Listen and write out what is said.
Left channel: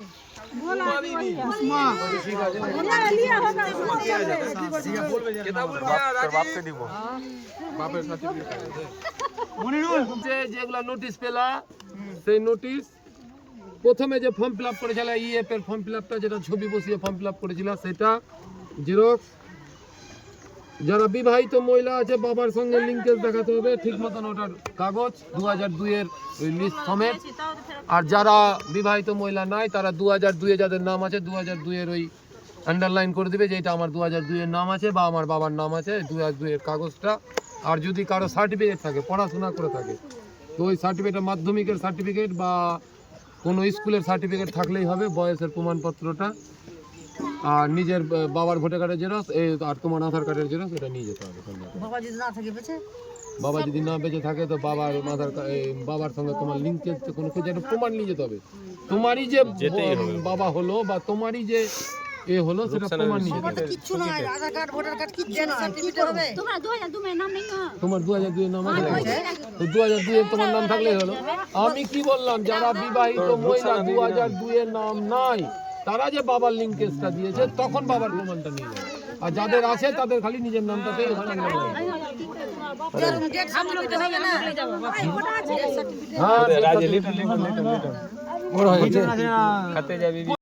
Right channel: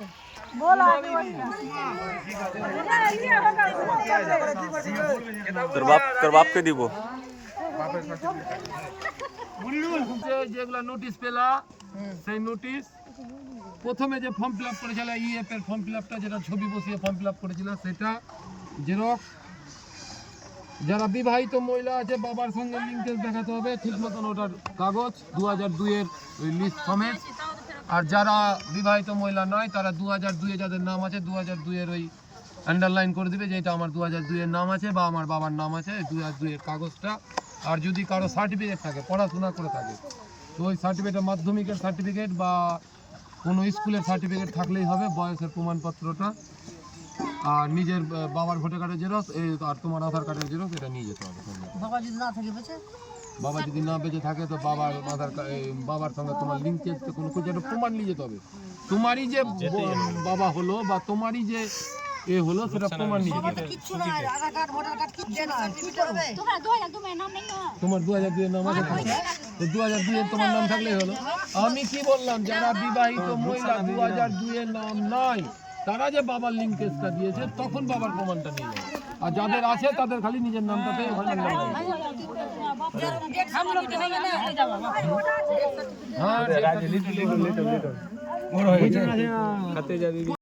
बोला आगे वही है लिया होगा তোর বাপকে দিব বাপের সার্টিফিকেট যেগুলো নোটিশ পেলা সেই নোটিশ প্রথমে যে ফর্ম ফিল আপ করেছিল ইএফ এর ফর্ম ফিল আপটা যেটা ছবি বসিয়ে ফর্ম ফিল আপ করেছিল সেটা জেরক্স। যারা বিবাহিত মহিলা আছে বাবার সঙ্গে লিঙ্কেজ দেখাতে হবে ঠিক মতন ওটার কাগজ 2002 এর লিস্ট সমেত। আর যারা বিবাহিত মহিলা নয় তারা 2002 এ যাদের নাম আছে 2002 এর ওই আন্ডারলাইন করে দিবে যে এটা আমার 2002 এর নাম আছে বা আমার বাবার নাম আছে 2002 এর কাগজটা। আর যদি কারো সার্টিফিকেট থাকে পড়াশোনা করে থাকে তো ওই সার্টিফিকেট মাধ্যমিকের সার্টিফিকেট বা কোনো স্কুলের সার্টিফিকেট থাকলেই হবে, বয়সের প্রমাণপত্রটা আর নিজের বাবার ভোটার কার্ডের জেরক্স আর তোমার আধার কার্ডের জেরক্স এটা নিয়ে যেতে হবে। বাবা যদি না থাকে বেঁচে বাবা যদি না বেঁচে থাকে তো বাবার বাবার সঙ্গে তোমার লিঙ্কেজ কোনো কিছু একটা প্রমাণ নিয়ে যেতে হবে। তোমারই যে বাবা হলো বা তোমারই যে এ হলো সেটা প্রমাণ নিয়ে যেতে হবে। কিচ্ছু না আধার কার্ড ভোটার কার্ড কিচ্ছু না কি করবে তোমার 2002 এর নাম আছে তো 2002 এর তোমার নাম থাকলেই হলো। আমি কি বললাম যারা বিবাহিত মহিলা 2002 এর নাম নাই তারা যে বাবার লিঙ্কেজটা দিয়েছে তখন বাবার প্রমাণটা নিয়ে যাবে। আর যাদের আছে তাদের খালি নিজের নামটাতেই ওখানে হ্যাঁ